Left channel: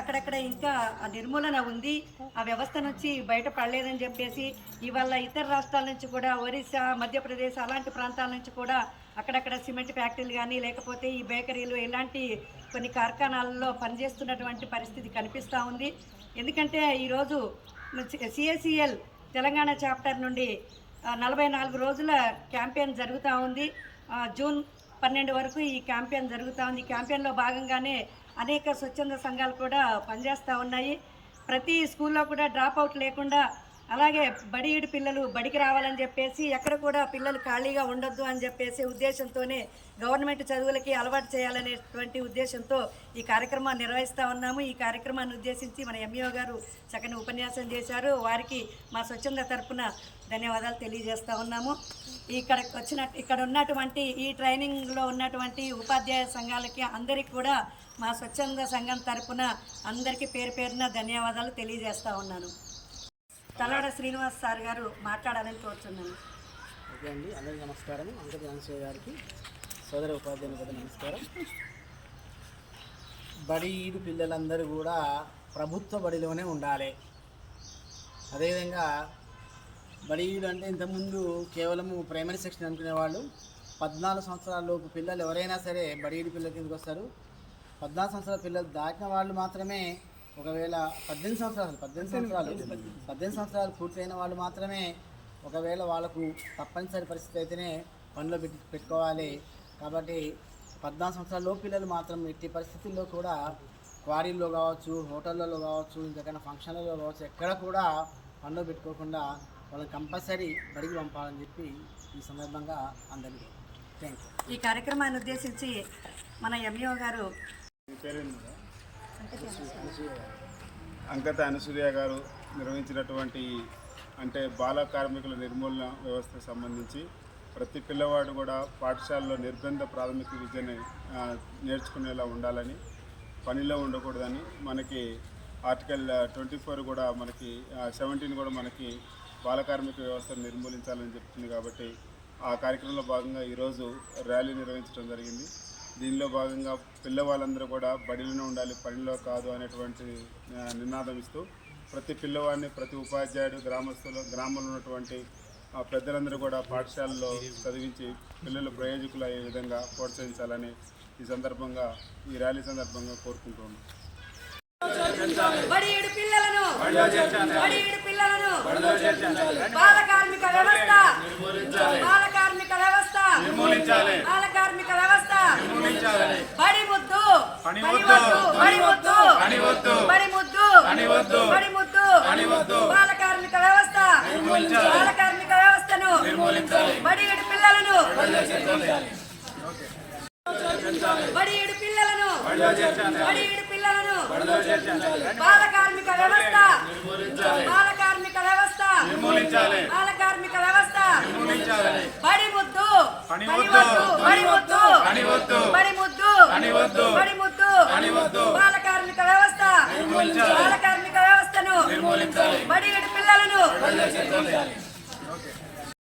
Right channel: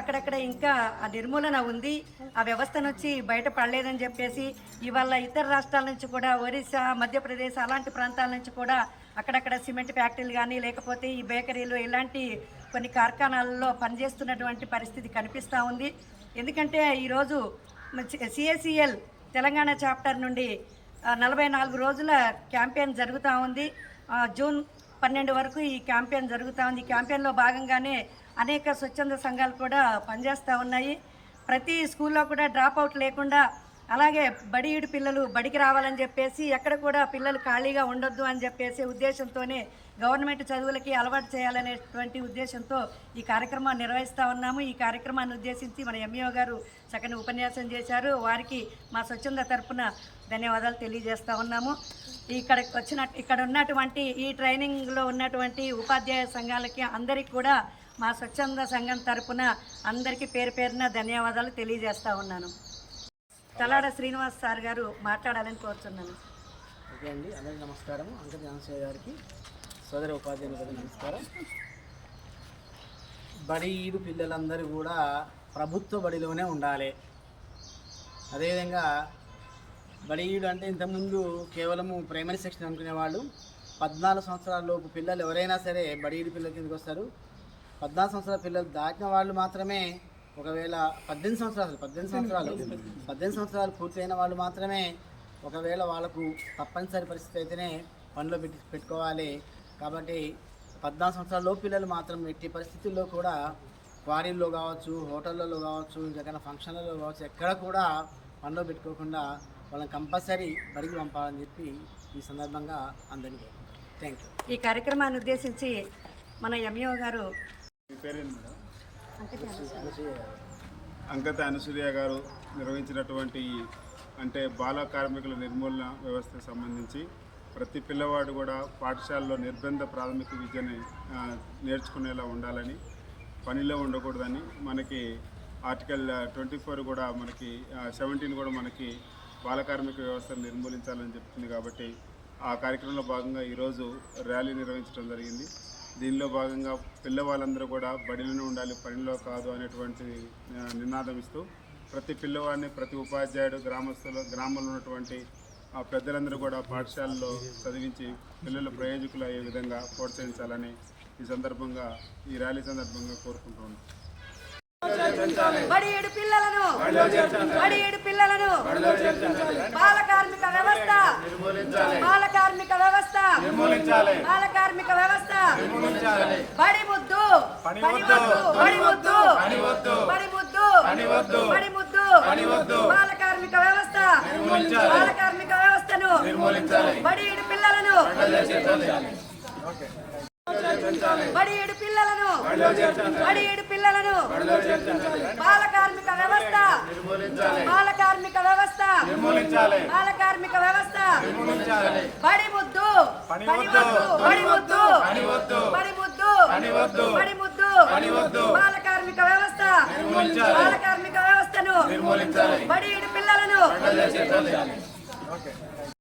అక్కడక్కడ ఆ నిర్మూలన ఉంది. ఆ వ్యవస్థ నుంచి బయటపడలేదని చెప్పేసి ఇవాళ ఇతర రాష్ట్రాల నుంచి కూడా ఒరిస్సా మధ్యప్రదేశ్ అలాంటి ప్రాంతాల నుంచి కూడా అక్కడక్కడ సిమెంట్ ఫ్యాక్టరీలు కానీ లేకపోతే ఈ బేకరీలు ఇలాంటి కొన్ని కార్ఖానాలలో పనిచేస్తున్నటువంటి పరిస్థితి కనిపిస్తూ ఉంది. ఎందుకంటే ఈరోజు సిఎసిఎల్ తెలంగాణ చాప్టర్ నుండి నలభై నాలుగు రోజుల క్యాంపెయిన్ జరుగుతూ ఉంది. జూన్ పన్నెండు వరకు ఈ క్యాంపెయిన్ జరుగుతూ ఉంది. ఈ క్యాంపెయిన్లో భాగంగానే అనేక స్వచ్ఛంద సంఘాలు కూడా పనిచేస్తూ ఉన్నాయి. ప్రతి స్కూల్లో కూడా డ్రాప్ అవుట్ లేకుండా అలాగే బడి ఈడు పిల్లలు బడికి రావాలని చెప్పేసి ఎక్కడ కూడా పిల్లలు ఖాళీగా ఉండొద్దు అని చెప్పేసి ఉద్దేశంతోనే గవర్నమెంట్ చదువులకి అలవాటు చేయాలనేటువంటి ఉద్దేశంతో ఈ కార్యక్రమాన్ని నిర్వహిస్తూ ఉన్నాము. ఈ కార్యక్రమాన్ని ఉద్దేశించి మన ఎంఈఓ గారు చక్కని ఉపన్యాసం చేశారు. వారికి మా స్వచ్ఛంద తరపున ధన్యవాదాలు తెలియజేస్తూ ఉన్నాము. ఇక్కడ వచ్చిన ఇక్కడ ఉన్నటువంటి ఈ ట్రైనింగ్లో ఉన్నటువంటి ఉపాధ్యాయ సంఘాలకి అందరికీ కూడా మా స్వచ్ఛంద సంఘం తరపున అందరికీ పేరు పేరున ధన్యవాదాలు తెలియజేస్తూ ఉన్నాను. తలాడ శ్రీనివాస్ సార్ గారు మాట్లాడాలని కోరుతున్నాను. ఓకే అండి అందరికీ నమస్కారం అంకట జాన్సయ్య గారికి సోదర ఉపాధ్యాయునికి నమస్కారం. బడి ఈడు పిల్లలందరూ కూడా ప్రభుత్వ బడిలోనే ఉండాలి. అదేవిధంగా బడి అంటే ఇంతకుముందు కేవలము ప్రైమరీ సెక్షన్ అనుకునేవాళ్ళు పద్నాలుగు సంవత్సరాల లోపు పిల్లలు ఎవరైనా సరే బడి ఈడు పిల్లల కిందకి వస్తారు. పద్నాలుగు సంవత్సరాల పిల్లలు దాటిన వాళ్ళు మాత్రమే ఒకవేళ పద్దెనిమిది సంవత్సరాలు పద్దెనిమిది సంవత్సరాలు పద్దెనిమిది సంవత్సరాలు పూర్తయిన వాళ్ళు మాత్రమే ఒకవేళ వాళ్ళకు తప్పనిసరి పరిస్థితి అయితేనే పనిలో పెట్టి పెట్టుకోవాలి. కాబట్టి పద్నాలుగు సంవత్సరాల లోపు పిల్లలు మాత్రం ఎట్టి పరిస్థితుల్లో కూడా క్వారీల్లో కావచ్చు హోటళ్ళలో కావచ్చు ఇంకెక్కడైనా ఫంక్షన్లలో కావచ్చు ఎక్కడ కూడా పనిలో పెట్టుకోకుండా వాళ్ళని కంపల్సరీ బడికి పంపాలని చెప్పి ఈ సందర్భంగా అందరినీ కోరుకుంటాం థ్యాంక్ యూ ఈ కార్యక్రమాన్ని ఉద్దేశించి మన ఎంఈఓ గారు అంకత అనుసూయ గారు నిర్వహించినటువంటి అంటే బాల కార్మికుల నిర్మూలన వ్యవస్థకు సంబంధించి ప్రతి పిల్లవాడు కూడా పాఠశాలలో నిర్బంధ ప్రాథమిక విద్యని నేర్చుకునేలా ఉండాలని పనిలో ఉండకూడదని మనకి ఆర్టికల్ ట్వంటీ ఫోర్ కూడా మనకి సెవెంటీన్ కూడా మనకి బాల కార్మిక వ్యవస్థను నిర్మూలించాలని చెప్తుంది కాబట్టి ఆ కార్యక్రమంలో భాగంగా ఈరోజు ర్యాలీ నిర్వహించడం జరిగింది. దీనిలో భాగంగా పిల్లవాళ్ళందరూ కూడా బడిలోనే ఉండాలి పనిలో కాదు అనేటువంటి నినాదం ఇస్తూ ప్రతి పిల్లవాడిని ప్రతి ఉపాధ్యాయుడు గ్రామస్తులు గ్రామంలో ఉన్నటువంటి ఆ పెద్దలందరూ కూడా పాఠశాలలో చదివించి పిల్లలు ప్రయోజకులు అయ్యే విధంగా ప్రోత్సహించాలని ఈ సందర్భంగా ఈ ర్యాలీ సందర్భంగా కోరుకుంటున్నాం బడి ఏడు పిల్లలను. బడి ఏడు పిల్లలను. బాల కార్మిక వ్యవస్థ. బాల కార్మిక వ్యవస్థ. బాల కార్మిక వ్యవస్థ. బడి ముద్దు. బడి ముద్దు. బడి ముద్దు. బడి ముద్దు. బాల కార్మిక వ్యవస్థ. బాల కార్మిక వ్యవస్థను. బడి ఏడు పిల్లలను. బడి ఏడు పిల్లలను. బడి ఏడు పిల్లలను. బాల కార్మిక వ్యవస్థ. బాల కార్మిక వ్యవస్థ. బాల కార్మిక వ్యవస్థ. బడి ముద్దు బడి ముద్దు బడి ముద్దు బడి ముద్దు బాల కార్మిక వ్యవస్థ. బాల కార్మిక వ్యవస్థను. బడి ఏడు పిల్లలను.